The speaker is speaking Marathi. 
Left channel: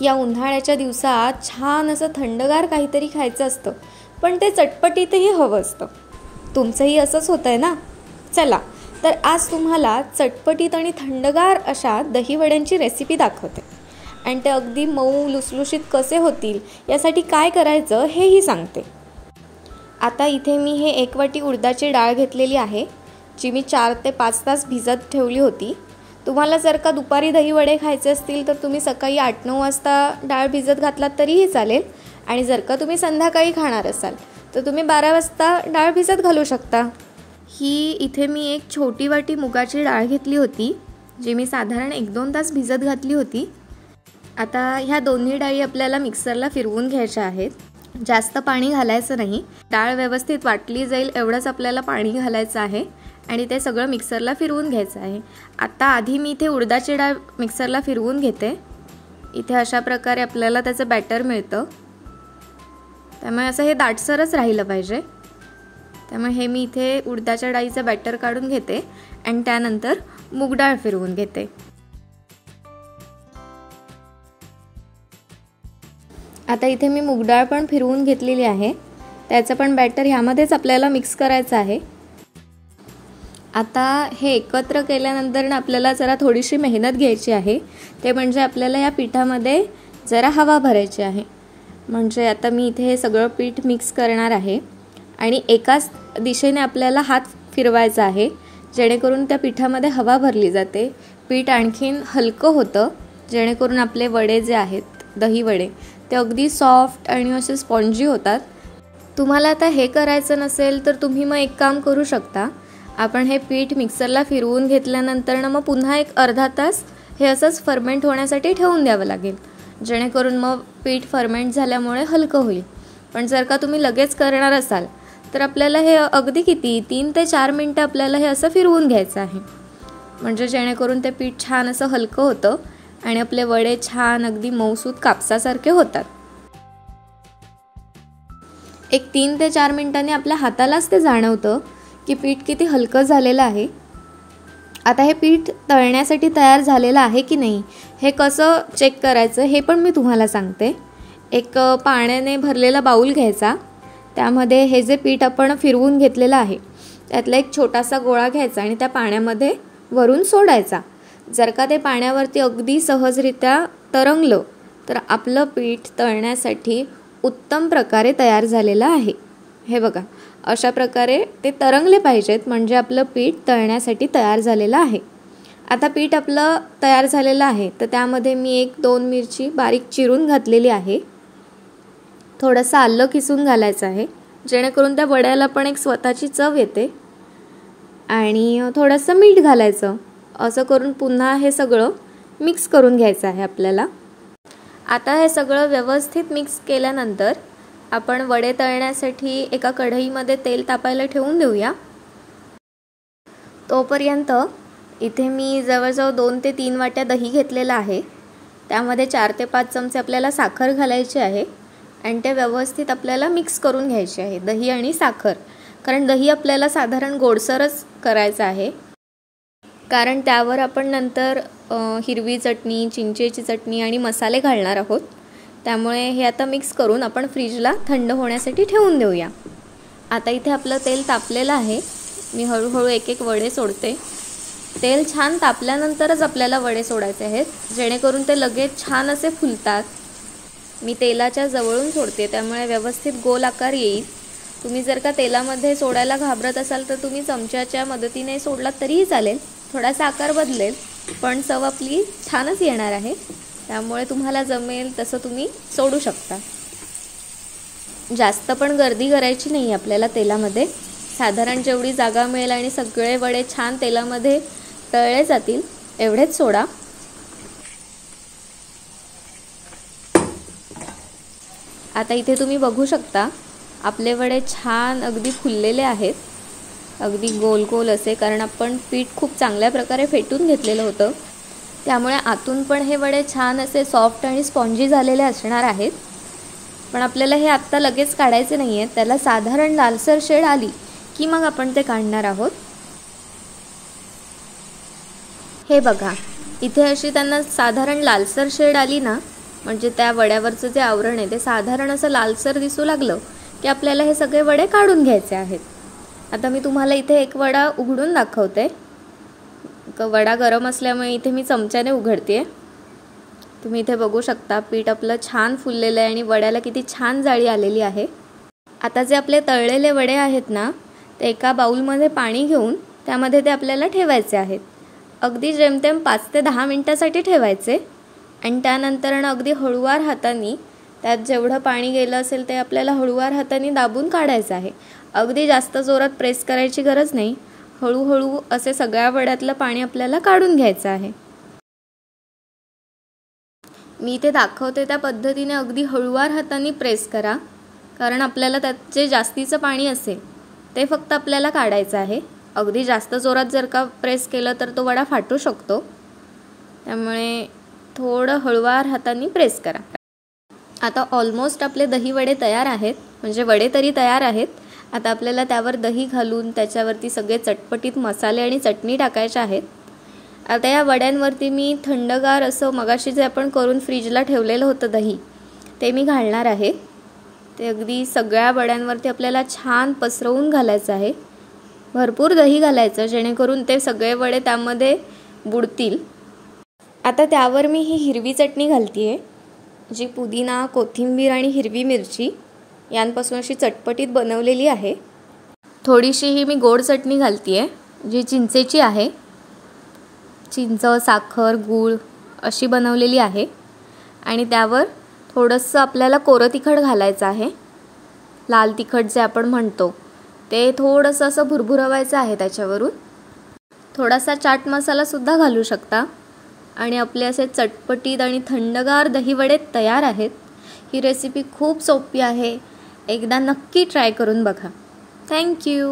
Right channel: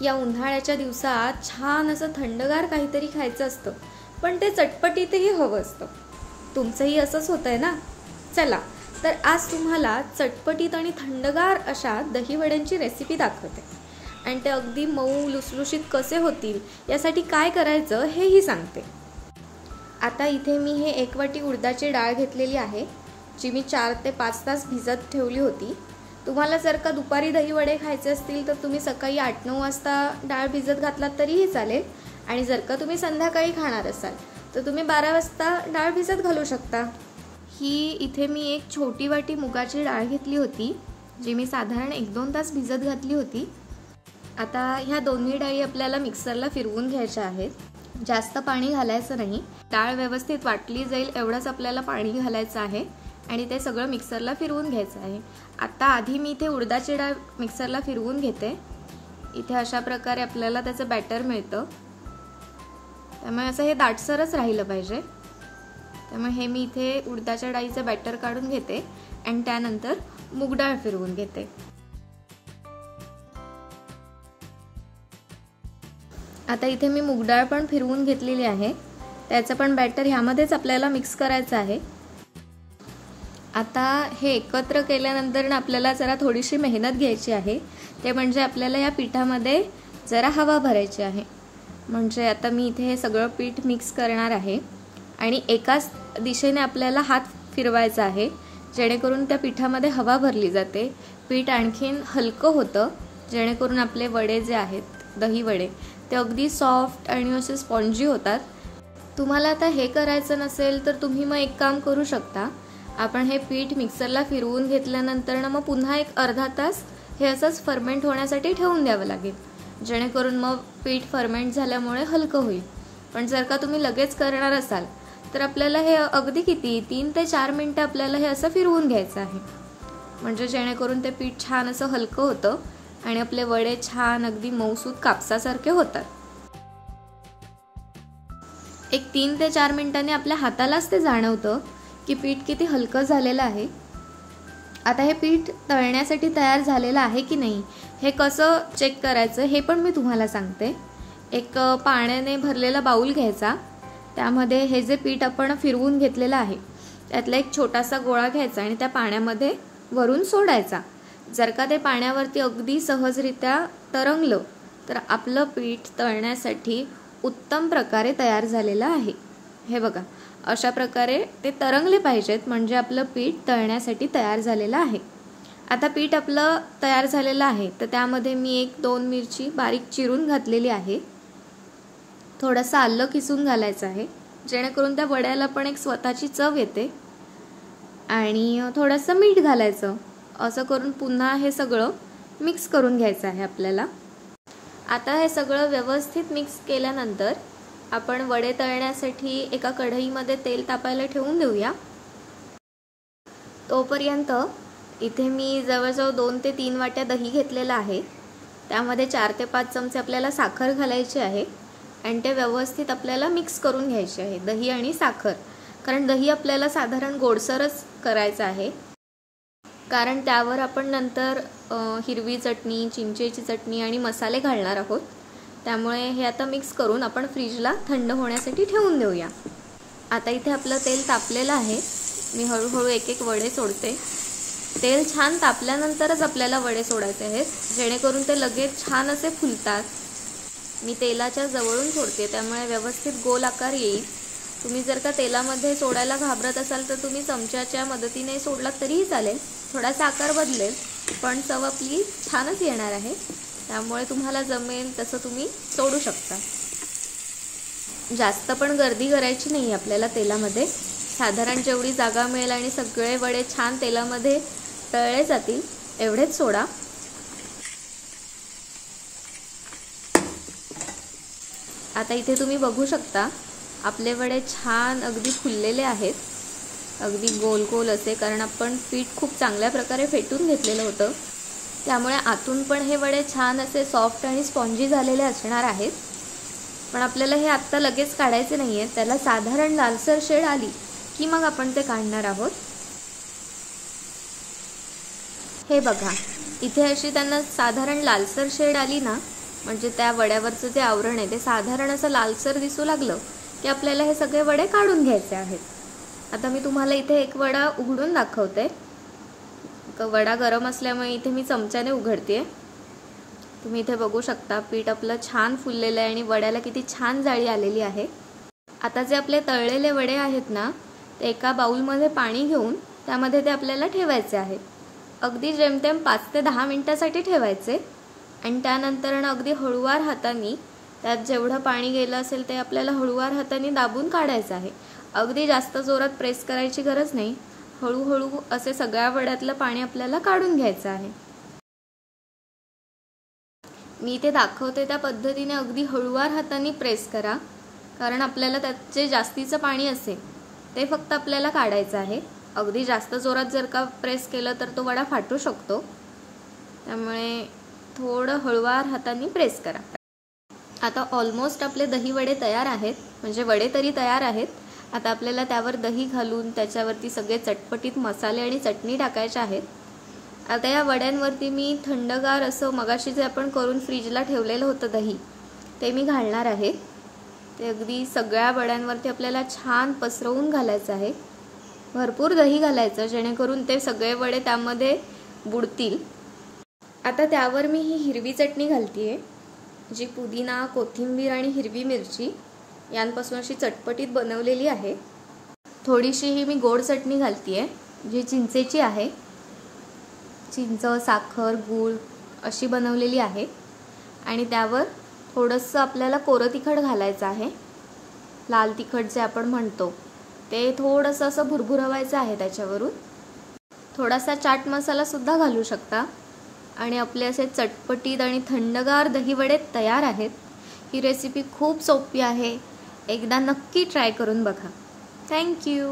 या उन्हाळ्याच्या दिवसात छान असं थंडगार काहीतरी खायचं असतं, पण ते चटपटीतही हवं असतं. तुमचंही असंच होतंय ना? चला तर आज तुम्हाला चटपटीत आणि थंडगार अशा दहीवड्यांची रेसिपी दाखवते आणि ते अगदी मऊ लुसलुशीत कसे होतील यासाठी काय करायचं हेही सांगते. आता इथे मी हे 1 वाटी उडदाची डाळ घेतलेली आहे, जी मी 4 ते 5 तास भिजत ठेवली होती. तुम्हाला जर का दुपारी दहीवडे खायचे असतील तर तुम्ही सकाळी 8-9 वाजता डाळ भिजत घातलात तरीही चालेल, आणि जर का तुम्ही संध्याकाळी खाणार असाल तर तुम्ही 12 वाजता डाळ भिजत घालू शकता. ही इथे मी एक छोटी वाटी मुगाची डाळ घेतली होती, जी मी साधारण 1-2 तास भिजत घातली होती. आता ह्या दोन्ही डाळी आपल्याला मिक्सरला फिरवून घ्यायच्या आहेत. जास्त पाणी घालायचं नाही, डाळ व्यवस्थित वाटली जाईल एवढंच आपल्याला पाणी घालायचं आहे आणि ते सगळं मिक्सरला फिरवून घ्यायचं आहे. आता आधी मी इथे उडदाची डाळ मिक्सरला फिरवून घेते. इथे अशा प्रकारे आपल्याला त्याचं बॅटर मिळतं, त्यामुळे असं हे दाटसरच राहिलं पाहिजे. त्यामुळे हे मी इथे उडदाच्या डाळीचं बॅटर काढून घेते आणि त्यानंतर मूग डाळ फिरवून घेते. आता इथे मी मूग डाळ पण फिरवून घेतलेली आहे, त्याचं पण बॅटर ह्यामध्येच आपल्याला मिक्स करायचं आहे. आता हे एकत्र केल्यानंतर ना आपल्याला जरा थोडीशी मेहनत घ्यायची आहे, ते म्हणजे आपल्याला या पिठामध्ये जरा हवा भरायची आहे. म्हणजे आता मी इथे हे सगळं पीठ मिक्स करणार आहे आणि एकाच दिशेने आपल्याला हात फिरवायचा आहे, जेणेकरून त्या पिठामध्ये हवा भरली जाते. पीठ आणखीन हलकं होतं, जेणेकरून आपले वडे जे आहेत दही वडे ते अगदी सॉफ्ट आणि असे स्पॉन्जी होतात. तुम्हाला आता हे करायचं नसेल तर तुम्ही मग एक काम करू शकता. आपण हे पीठ मिक्सरला फिरवून घेतल्यानंतर ना मग पुन्हा एक अर्धा तास हे असंच फर्मेंट होण्यासाठी ठेवून द्यावं लागेल, जेणेकरून मग पीठ फर्मेंट झाल्यामुळे हलकं होईल. पण जर का तुम्ही लगेच करणार असाल तर आपल्याला हे अगदी किती 3 ते 4 मिनटं आपल्याला हे असं फिरवून घ्यायचं आहे, म्हणजे जेणेकरून ते पीठ छान असं हलकं होतं आणि आपले वडे छान अगदी मऊसूत कापसासारखे होतात. एक 3 ते 4 मिनिटांनी आपल्या हातालाच ते जाणवतं की पीठ किती हलकं झालेलं आहे. आता हे पीठ तळण्यासाठी तयार झालेलं आहे की नाही हे कसं चेक करायचं हे पण मी तुम्हाला सांगते. एक पाण्याने भरलेला बाऊल घ्यायचा, त्यामध्ये हे जे पीठ आपण फिरवून घेतलेलं आहे त्यातला एक छोटासा गोळा घ्यायचा आणि त्या पाण्यामध्ये वरून सोडायचा. जर का ते पाण्यावरती अगदी सहजरित्या तरंगलं तर आपलं पीठ तळण्यासाठी उत्तम प्रकारे तयार झालेलं आहे. हे बघा, अशा प्रकारे ते तरंगले पाहिजेत, म्हणजे आपलं पीठ तळण्यासाठी तयार झालेलं आहे. आता पीठ आपलं तयार झालेलं आहे तर त्यामध्ये मी 1-2 मिरची बारीक चिरून घातलेली आहे. थोडंसं आलं किसून घालायचं आहे, जेणेकरून त्या वड्याला पण एक स्वतःची चव येते, आणि थोडंसं मीठ घालायचं. असं करून पुन्हा हे सगळं मिक्स करून घ्यायचं आहे आपल्याला. आता हे सगळं व्यवस्थित मिक्स केल्यानंतर आपण वडे तळण्यासाठी एका कढईमध्ये तेल तापायला ठेवून देऊया. तोपर्यंत इथे मी जवळजवळ 2 ते 3 वाट्या दही घेतलेला आहे, त्यामध्ये 4 ते 5 चमचे आपल्याला साखर घालायची आहे आणि ते व्यवस्थित आपल्याला मिक्स करून घ्यायचे आहे, दही आणि साखर. कारण दही आपल्याला साधारण गोडसरच करायचं आहे, कारण त्यावर आपण नंतर हिरवी चटणी, चिंचेची चटणी आणि मसाले घालणार आहोत. त्यामुळे हे आता मिक्स करून आपण फ्रीजला थंड होण्यासाठी ठेवून देऊया. आता इथे आपलं तेल तापलेलं आहे, मी हळूहळू एक वडे सोडते. तेल छान तापल्यानंतरच आपल्याला वडे सोडायचे आहेत, जेणेकरून ते लगेच छान असे फुलतात. मी तेलाच्या जवळून सोडते, त्यामुळे व्यवस्थित गोल आकार येईल. तुम्ही जर का तेलामध्ये सोडायला घाबरत असाल तर तुम्ही चमच्याच्या मदतीने सोडलात तरीही चालेल, थोडासा आकार बदलेल पण चव आपली छानच येणार आहे. त्यामुळे तुम्हाला जमेल तसं तुम्ही सोडू शकता. जास्त पण गर्दी करायची नाही आपल्याला तेलामध्ये, साधारण जेवढी जागा मिळेल आणि सगळे वडे छान तेलामध्ये तळले जातील एवढेच सोडा. आता इथे तुम्ही बघू शकता आपले वडे छान अगदी फुललेले आहेत, अगदी गोल गोल असे, कारण आपण पीठ खूप चांगल्या प्रकारे फेटून घेतलेलं होतं. त्यामुळे आतून पण हे वडे छान असे सॉफ्ट आणि स्पॉन्जी झालेले असणार आहेत. पण आपल्याला हे आत्ता लगेच काढायचे नाही आहेत, त्याला साधारण लालसर शेड आली की मग आपण ते काढणार आहोत. हे बघा, इथे अशी त्यांना साधारण लालसर शेड आली ना म्हणजे त्या वड्यावरचं जे आवरण आहे ते साधारण असं लालसर दिसू लागलं की आपल्याला हे सगळे वडे काढून घ्यायचे आहेत. आता मी तुम्हाला इथे एक वडा उघडून दाखवते. वडा गरम असल्यामुळे इथे मी चमच्याने उघडते. तुम्ही इथे बघू शकता पीठ आपलं छान फुललेलं आहे आणि वड्याला किती छान जाळी आलेली आहे. आता जे आपले तळलेले वडे आहेत ना, ते एका बाउलमध्ये पाणी घेऊन त्यामध्ये ते आपल्याला ठेवायचे आहेत. अगदी जेमतेम 5 ते 10 मिनिटासाठी ठेवायचे आणि त्यानंतर अगदी हळूवार हाताने त्यात जेवढं पाणी गेलं असेल ते आपल्याला हळूवार हाताने दाबून काढायचं आहे. अगदी जास्त जोरात प्रेस करायची गरज नाही. हळूहळू असे सगळ्या वड्यातलं पाणी आपल्याला काढून घ्यायचं आहे. मी इथे दाखवते त्या पद्धतीने अगदी हळूवार हाताने प्रेस करा, कारण आपल्याला त्यात जे जास्तीचं पाणी असेल ते फक्त आपल्याला काढायचं आहे. अगदी जास्त जोरात जर का प्रेस केलं तर तो वडा फाटू शकतो. त्यामुळे थोडं हळूवार हाताने प्रेस करा. आता ऑलमोस्ट आपले दही वडे तयार आहेत, म्हणजे वडे तरी तयार आहेत. आता आपल्याला त्यावर दही घालून त्याच्यावरती सगळे चटपटीत मसाले आणि चटणी टाकायचे आहेत. आता या वड्यांवरती मी थंडगार असं मगाशी जे आपण करून फ्रीजला ठेवलेलं होतं दही, ते मी घालणार आहे. ते अगदी सगळ्या वड्यांवरती आपल्याला छान पसरवून घालायचं आहे. भरपूर दही घालायचं जेणेकरून ते सगळे वडे त्यामध्ये बुडतील. आता त्यावर मी ही हिरवी चटणी घालते आहे, जी पुदिना, कोथिंबीर आणि हिरवी मिरची यांपासून अशी चटपटीत बनवलेली आहे. थोडीशी ही मी गोड चटणी घालते आहे, जी चिंचेची आहे. चिंच, साखर, गूळ अशी बनवलेली आहे. आणि त्यावर थोडंसं आपल्याला कोरं तिखट घालायचं आहे. लाल तिखट जे आपण म्हणतो ते थोडंसं असं भुरभुरवायचं आहे. त्याच्यावरून थोडासा चाट मसालासुद्धा घालू शकता. आणि आपले असे चटपटीत आणि थंडगार दहीवडे तयार आहेत. ही रेसिपी खूप सोपी आहे. एकदा नक्की ट्राय करून बघा. थँक्यू.